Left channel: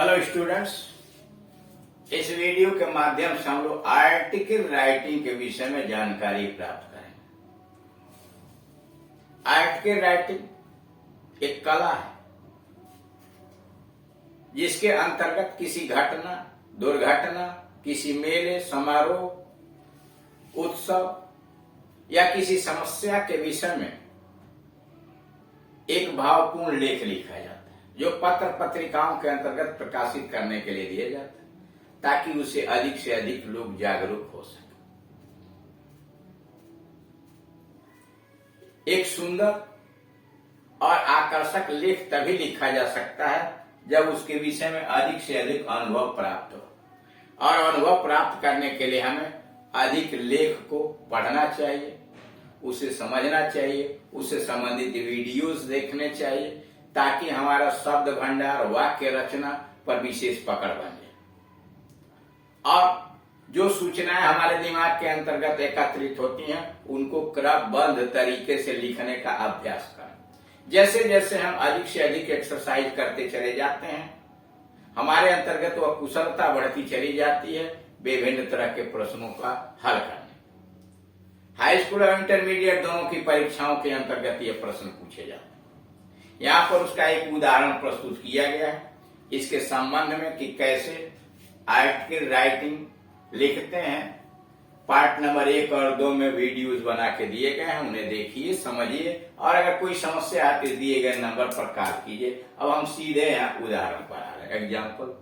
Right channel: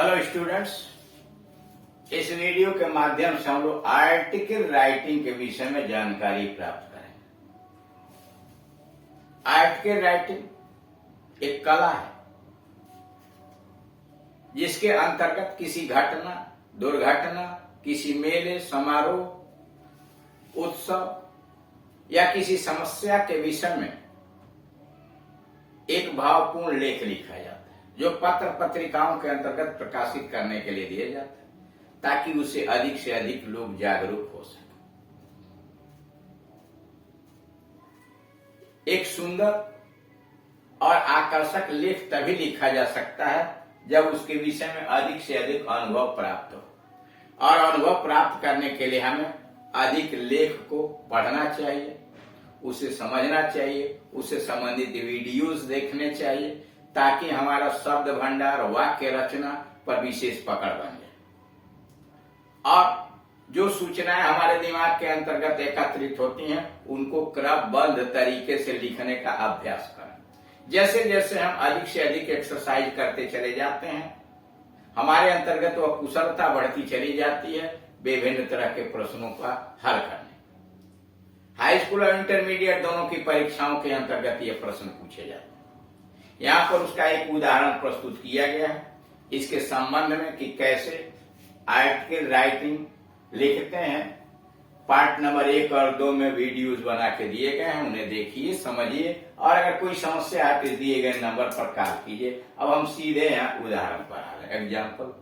Hello students, इस video के माध्यम से हम लोग आर्टिकल राइटिंग के विषय में जानकारी प्राप्त करेंगे। आर्टिकल राइटिंग एक कला है जिसके अंतर्गत किसी घटना, दुर्घटना, किसी मेले, समारोह, उत्सव या किसी समस्या के विषय में एक भावपूर्ण लेख लिखा जाता है जो पत्र पत्रिकाओं के अंतर्गत प्रकाशित करने के लिए दिया जाता है ताकि उससे अधिक से अधिक लोग जागरूक हो सके। एक सुंदर और आकर्षक लेख तभी लिखा जा सकता है जब उसके विषय में अधिक से अधिक अनुभव प्राप्त हो, और अनुभव प्राप्त करने के लिए हमें अधिक लेख को पढ़ना चाहिए, उसे समझना चाहिए, उससे संबंधित वीडियोस देखने चाहिए ताकि हमारा शब्द भंडार, वाक्य रचना पर विशेष पकड़ बन जाए और जो सूचनाएं हमारे दिमाग के अंतर्गत एकत्रित होती हैं उनको क्रमबद्ध तरीके से लिखने का अभ्यास करें। जैसे जैसे हम अधिक से अधिक एक्सरसाइज करते चले जाते हैं हमारे अंतर्गत वह कुशलता बढ़ती चली जाती है विभिन्न तरह के प्रश्नों का हल करने। हाई स्कूल और इंटरमीडिएट दोनों की परीक्षाओं के अंतर्गत ये प्रश्न पूछे जाते हैं। यहाँ पर उसका एक उदाहरण प्रस्तुत किया गया है इसके संबंध में कि कैसे आर्टिकल राइटिंग लिखते हैं। पार्ट नंबर 1 और 2 में वीडियोस बना के दिए गए हैं, उन्हें देखिए, समझिए और अगर कोई समस्या आती दिए गए नंबर पर कॉल कीजिए। अब हम सीधे यहाँ उदाहरण पर आ रहे हैं। एग्जाम्पल,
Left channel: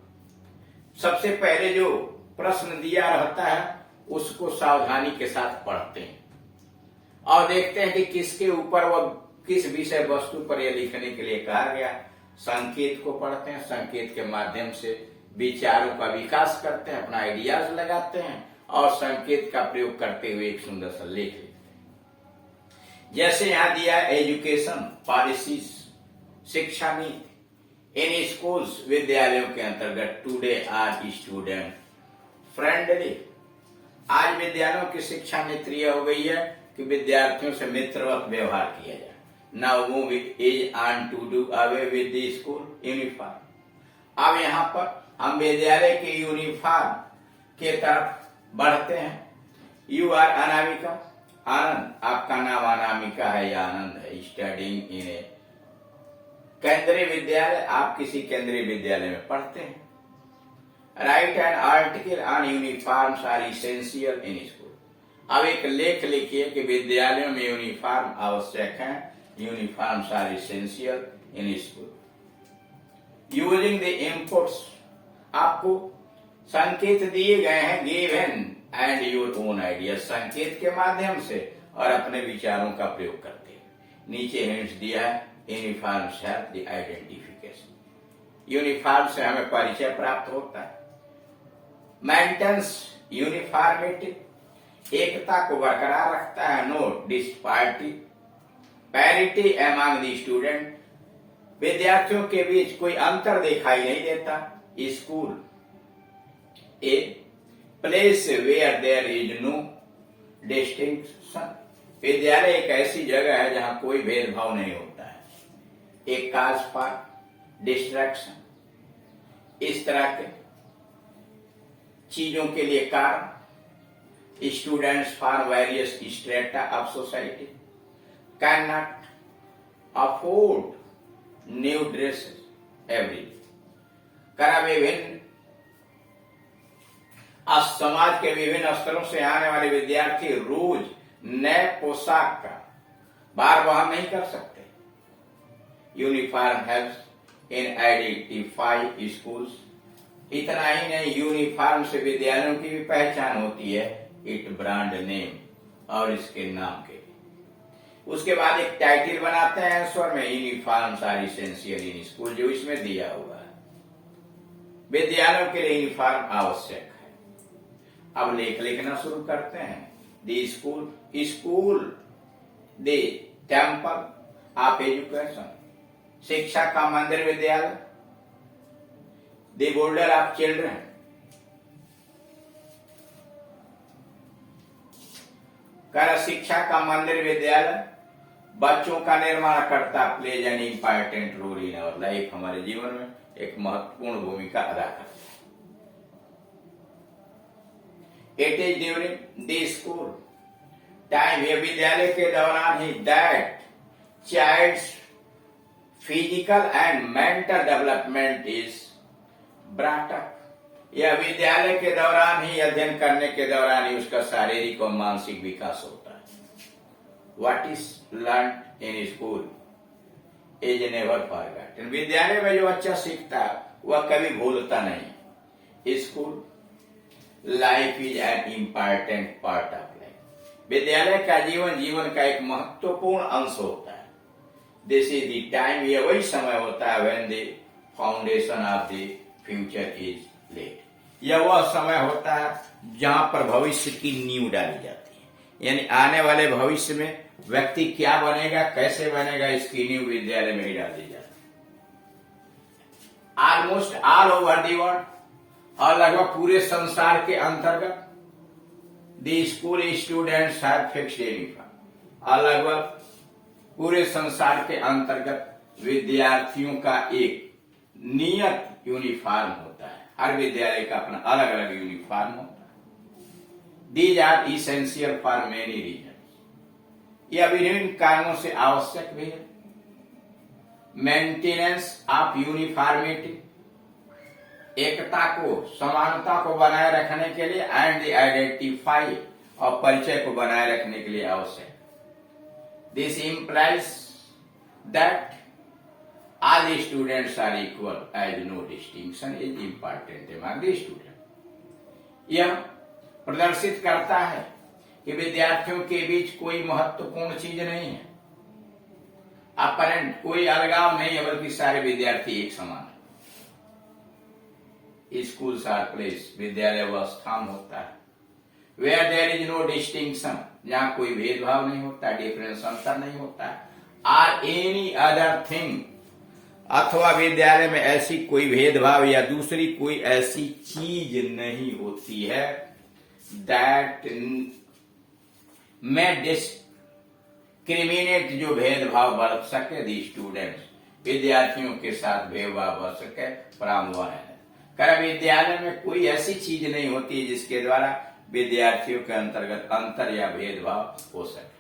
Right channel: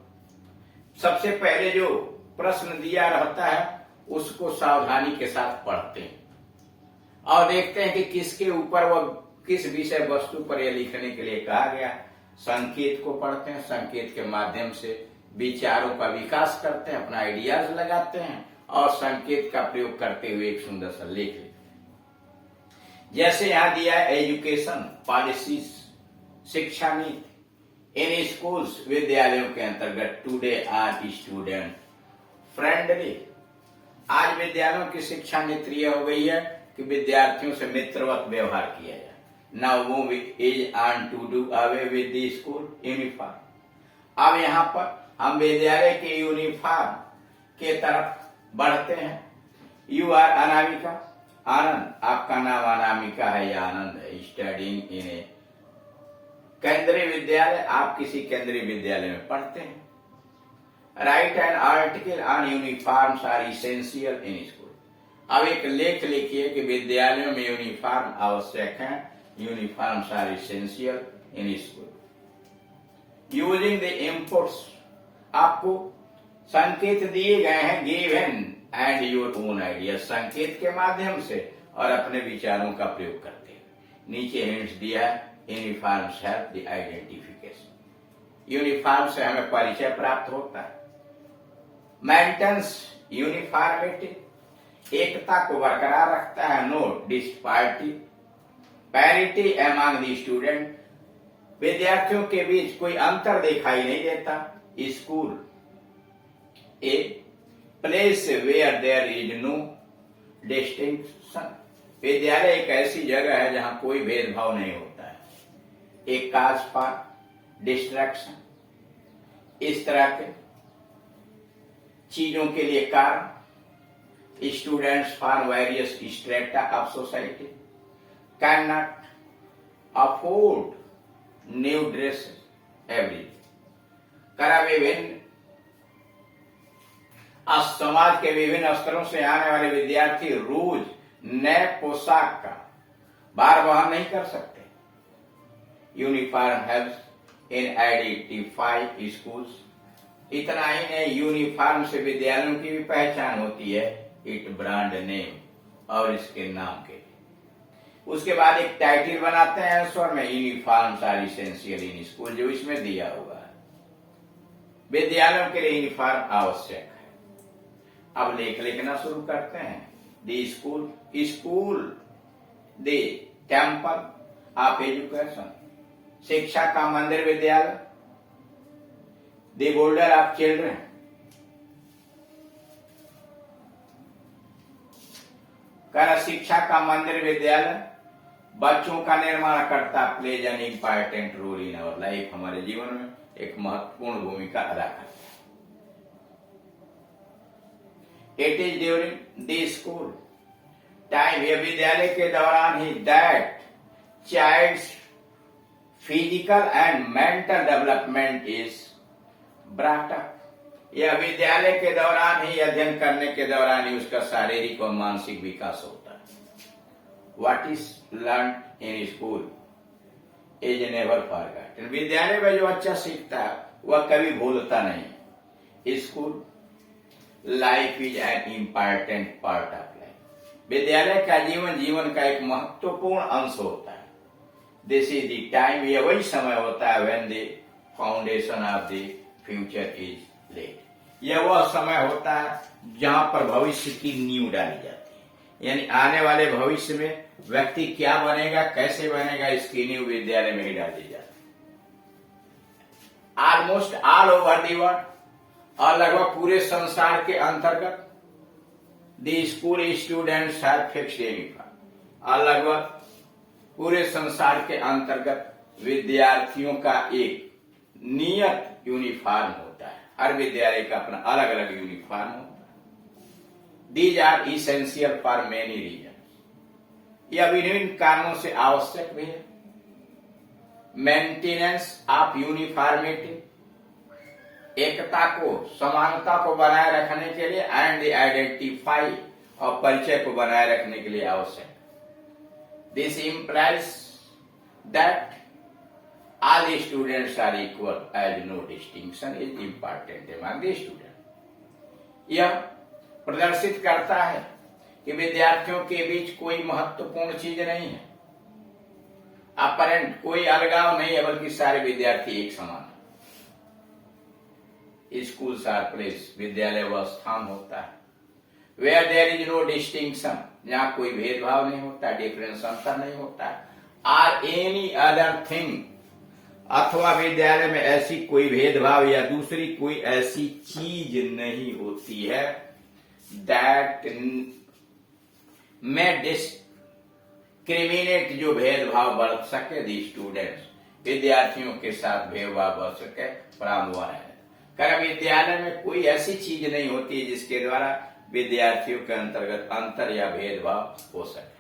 सबसे पहले जो प्रश्न दिया रहता है उसको सावधानी के साथ पढ़ते हैं और देखते हैं कि किसके ऊपर वह किस विषय वस्तु पर यह लिखने के लिए कहा गया। संकेत को पढ़ते हैं, संकेत के माध्यम से विचारों का विकास करते हैं, अपना आइडियाज लगाते हैं और संकेत का प्रयोग करते हुए एक सुंदर सा लेख लिखते हैं। जैसे यहां दिया एजुकेशन पॉलिसीज, शिक्षा नीति इन स्कूल्स, विद्यालयों के अंतर्गत टुडे आर स्टूडेंट फ्रेंडली। आज विद्यालयों की शिक्षा नीति यह हो गई है कि विद्यार्थियों से मित्रवत व्यवहार किया जाए। Now move is on to do away with the school uniform. अब यहाँ पर हम विद्यालय के यूनिफॉर्म के तरफ बढ़ते हैं। यू आर अनामिका, आनंद, आपका नाम अनामिका है या आनंद है। स्टडिंग इन ए केंद्रीय विद्यालय, आप किसी केंद्रीय विद्यालय में पढ़ते हैं। Write an article on uniforms are essential in school. अब एक लेख लिखिए कि विद्यालयों में यूनिफॉर्म आवश्यक है। Uniforms are essential in school. Using the inputs, आपको संकेत दिए गए हैं given and your own idea, संकेत के माध्यम से और अपने विचारों का प्रयोग करते हैं। नीचे हिंट्स दिया है। Uniforms have the identification, uniform से हमें परिचय प्राप्त होता है। मेंटेन्स यूनिफॉर्मिटी, एकता को बरकरार रखता है। Note disparity, parity among the student, विद्यार्थियों के बीच कोई अंतर दिखाई नहीं देता। School a place where there is no distinction, विद्यालय एक ऐसी जगह है जहां कोई भेदभाव नहीं होता है। एक काज फॉर डिस्ट्रैक्शन, इस तरह के चीजों के लिए कारण। Students for various strata of society can not afford new dresses every, करा विभिन्न समाज के विभिन्न स्तरों से आने वाले विद्यार्थी रोज नए पोशाक का भार वहन नहीं कर सकते। Uniform helps in identify schools, इतना ही नहीं, यूनिफॉर्म से विद्यालयों की भी पहचान होती है। इट ब्रांड नेम, और इसके नाम के लिए। उसके बाद एक टाइटल बनाते हैं स्वर में, uniforms are essential in school, जो इसमें दिया हुआ है। विद्यालयों के लिए यूनिफॉर्म आवश्यक है। अब लेख लिखना शुरू करते हैं। The school, school the temple of education, शिक्षा का मंदिर विद्यालय। द बोर्डर ऑफ चिल्ड्रन, कर शिक्षा का मंदिर विद्यालय बच्चों का निर्माण करता, plays an important role in our life, हमारे जीवन में एक महत्वपूर्ण भूमिका अदा करते हैं। It is during the school time, ये विद्यालय के दौरान ही that child's physical and mental development is brought up. यह विद्यालय के दौरान ही, अध्ययन करने के दौरान ही उसका शारीरिक और मानसिक विकास होता है। What is learn in school is never forgotten. विद्यालय में जो बच्चा सीखता है वह कभी भूलता नहीं। School life is an important part of life. विद्यालय का जीवन का एक महत्वपूर्ण अंश होता है। दिस इज द टाइम, यह वही समय होता है when the foundation of the future is laid. यह वह समय होता है जहां पर भविष्य की नींव डाली जाती है, यानी आने वाले भविष्य में व्यक्ति क्या बनेगा, कैसे बनेगा, इसकी नींव विद्यालय में ही डाल दी जाती है। Almost all over the world, और लगभग पूरे संसार के अंतर्गत the school students have fixed uniform, और लगभग पूरे संसार के अंतर्गत विद्यार्थियों का एक नियत यूनिफॉर्म होता है। हर विद्यालय का अपना अलग अलग यूनिफॉर्म होता है। These are essential for many reason, यह विभिन्न कारणों से आवश्यक भी है। मेंटेनेंस ऑफ यूनिफॉर्मिटी, एकता को, समानता को बनाए रखने के लिए, एंड द आइडेंटिफाई, और परिचय को बनाए रखने के लिए आवश्यक। This implies that all the students are equal as no distinction is important among the students। यह प्रदर्शित करता है कि विद्यार्थियों के बीच कोई महत्वपूर्ण चीज नहीं है, अपरेंट कोई अलगाव नहीं है, बल्कि सारे विद्यार्थी एक समान है। स्कूल्स आर प्लेस, विद्यालय वह स्थान होता है where there is no distinction, जहां कोई भेदभाव नहीं होता, डिफरेंस, अंतर नहीं होता, आर एनी अदर थिंग, अथवा विद्यालय में ऐसी कोई भेदभाव या दूसरी कोई ऐसी चीज नहीं होती है दैट में डिस्क्रिमिनेट, जो भेदभाव बरत सके दी स्टूडेंट्स, विद्यार्थियों के साथ भेदभाव बरत सके, फ्रॉम हुआ है। कारण विद्यालय में कोई ऐसी चीज नहीं होती जिसके द्वारा विद्यार्थियों के अंतर्गत अंतर या भेदभाव हो सके।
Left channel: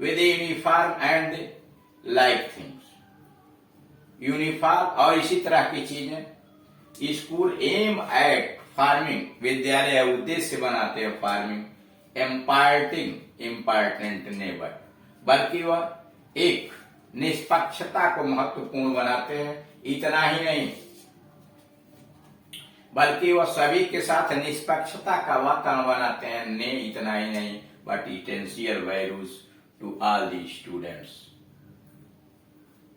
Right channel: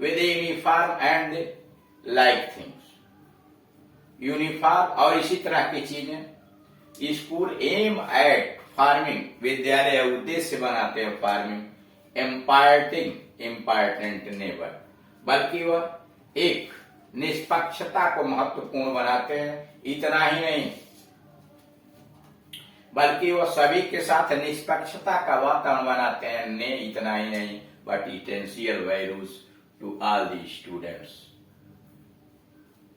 With uniform and like things, uniform और इसी तरह की चीजें। स्कूल एम एट फार्मिंग, विद्यालय उद्देश्य बनाते हैं फार्मिंग, इम्पार्टिंग इम्पार्टेंट नेबर, बल्कि वह एक निष्पक्षता को महत्वपूर्ण बनाते हैं। इतना ही नहीं, बल्कि वह सभी के साथ निष्पक्षता का वातावरण बनाते हैं। ने इतना ही नहीं, but essential values to all the students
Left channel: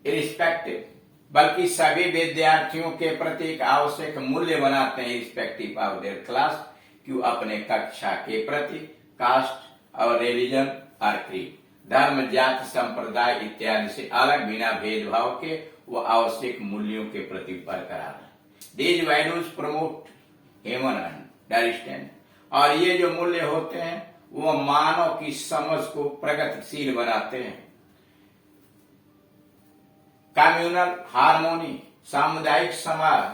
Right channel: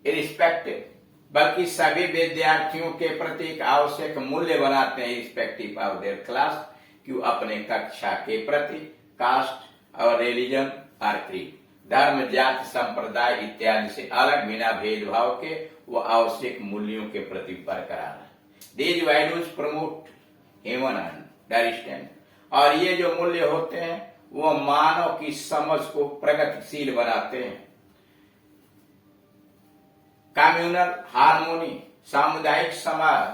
irrespective, बल्कि सभी विद्यार्थियों के प्रति एक आवश्यक मूल्य बनाते हैं, रिस्पेक्टिव ऑफ देयर क्लास, क्यों अपने कक्षा के प्रति, कास्ट और रिलीजन और क्रीड, धर्म, जाति, संप्रदाय इत्यादि से अलग, बिना भेदभाव के वो आवश्यक मूल्यों के प्रति बरकरार है। These values promote human understanding, और ये जो मूल्य होते हैं वो मानव की समझ को प्रगतिशील बनाते हैं। कम्युनल हार्मोनी, सामुदायिक समाज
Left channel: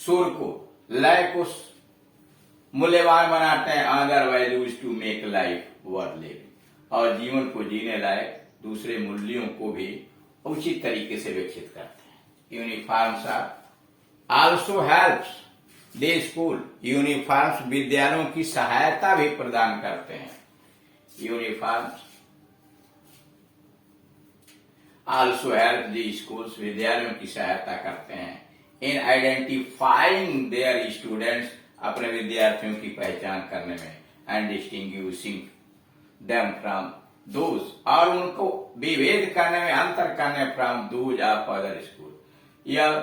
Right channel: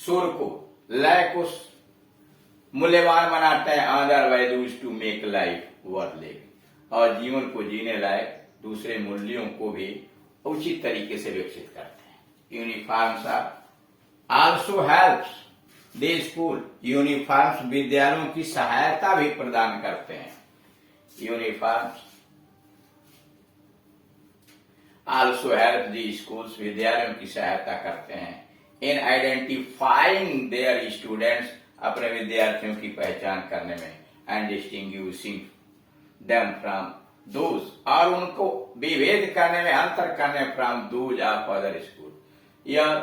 सुर को, लय को मूल्यवान बनाते हैं। Other values to make life worth living, और जीवन को जीने लायक दूसरे मूल्यों को भी उचित तरीके से विकसित करते हैं। Uniforms also helps the school, uniforms विद्यालयों की सहायता भी प्रदान करते हैं। Uniforms also help the schools, विद्यालयों की सहायता करते हैं इन आइडेंटिफाइंग देयर स्टूडेंट्स, अपने विद्यार्थियों की पहचान करने में, and distinguishing them from those, और उनको विभेद करने में, अंतर करने from those of other school. यह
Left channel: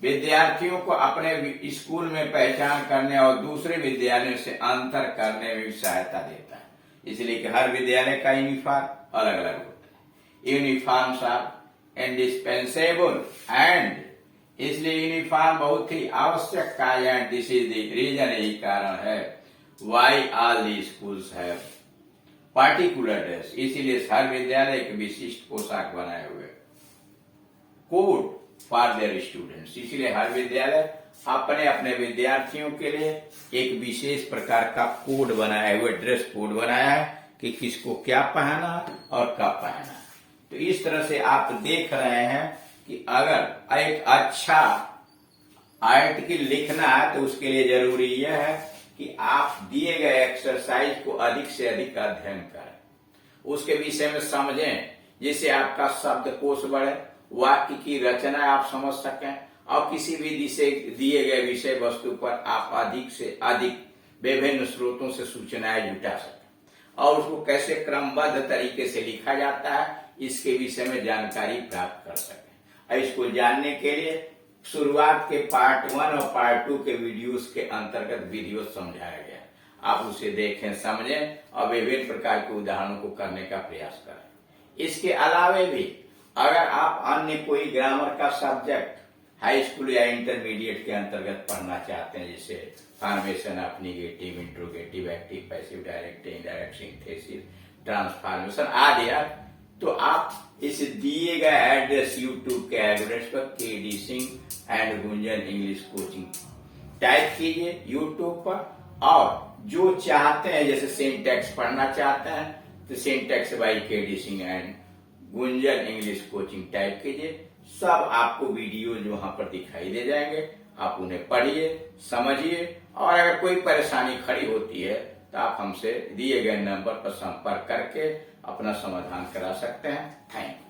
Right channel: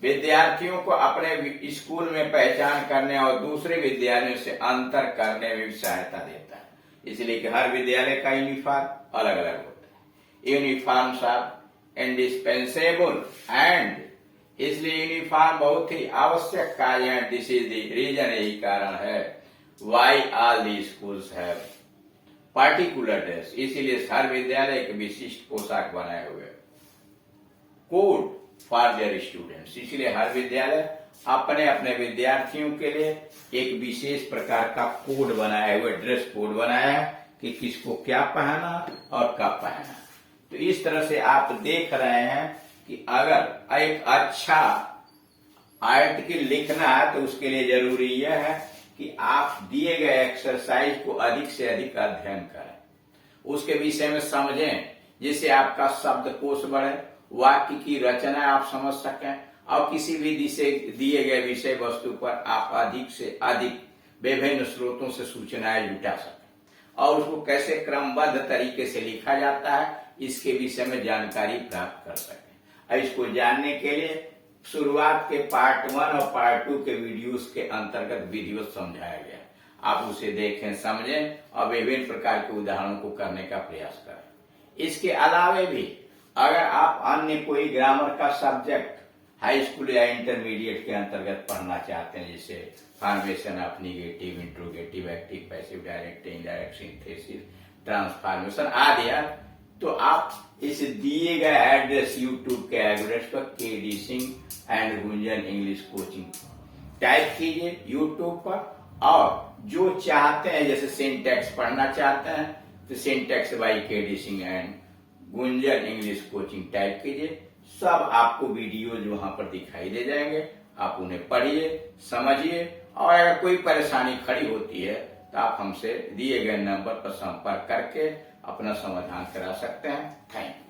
विद्यार्थियों को अपने स्कूल में पहचान करने और दूसरे विद्यालयों से अंतर करने में भी सहायता देता है। इसलिए कि हर विद्यालय का यूनिफॉर्म अलग अलग होता है। यूनिफॉर्म्स आर इंडिस्पेंसेबल एंड, इसलिए यूनिफॉर्म बहुत ही आवश्यक कार्य है। दिस इज द रीजन, यही कारण है why all the schools have particular dress, इसीलिए हर विद्यालय एक विशिष्ट पोशाक बनाए हुए। Code for their students. इसलिए हर विद्यालय अपने अपने विद्यार्थियों के लिए एक विशेष प्रकार का कोड बनाया हुआ, ड्रेस कोड बनाया है कि किसको क्या पहना और कब पहना। तो इस तरह से आप देख रहे हैं कि अगर एक अच्छा आर्टिकल लिखना है तो उसके लिए जरूरी यह है कि आप दिए गए एक्सरसाइज को अधिक से अधिक अध्ययन करें, उसके विषय में समझें, जिससे आपका शब्दकोश बढ़े, वाक्य की रचना आप समझ सकें और किसी भी दिए गए विषय वस्तु पर आप अधिक से अधिक विभिन्न स्रोतों से सूचनाएं जुटा सकें और उसको कैसे क्रमबद्ध तरीके से लिखा जाता है इसके विषय में जानकारी प्राप्त कर सकें। इसको जानने के लिए शुरुआत के पार्ट 1 और पार्ट 2 के वीडियोस के अंतर्गत वीडियो समझाया गया, आप उसे देखें, समझें और विभिन्न प्रकार के उदाहरणों को करने का प्रयास करें। इसके अलावे भी अगर आप अन्य कोई ग्रामर का सब्जेक्ट हाई स्कूल या इंटरमीडिएट के अंतर्गत पढ़ना चाहते हैं, जैसे formation of negative, interrogative, active, passive, direct, indirect, synthesis, transformation आदि, तो आप इस दिए गए एड्रेस यूट्यूब के एड्रेस पर KD Singh and Gunjan English coaching type कीजिए यूट्यूब पर, और जो चाहते हैं जैसे सिंटैक्स पढ़ना चाहते हैं तो syntax by KD Singh and Gunjan English coaching type कीजिए। सब आपको वीडियो जो वहां पर दिखाई दे जाएंगे, आप उन्हें पढ़िए, समझिए और अगर कोई परेशानी खड़ी होती है तो आप हमसे दिए गए नंबर पर संपर्क करके अपना समाधान करा सकते हैं। Thank you.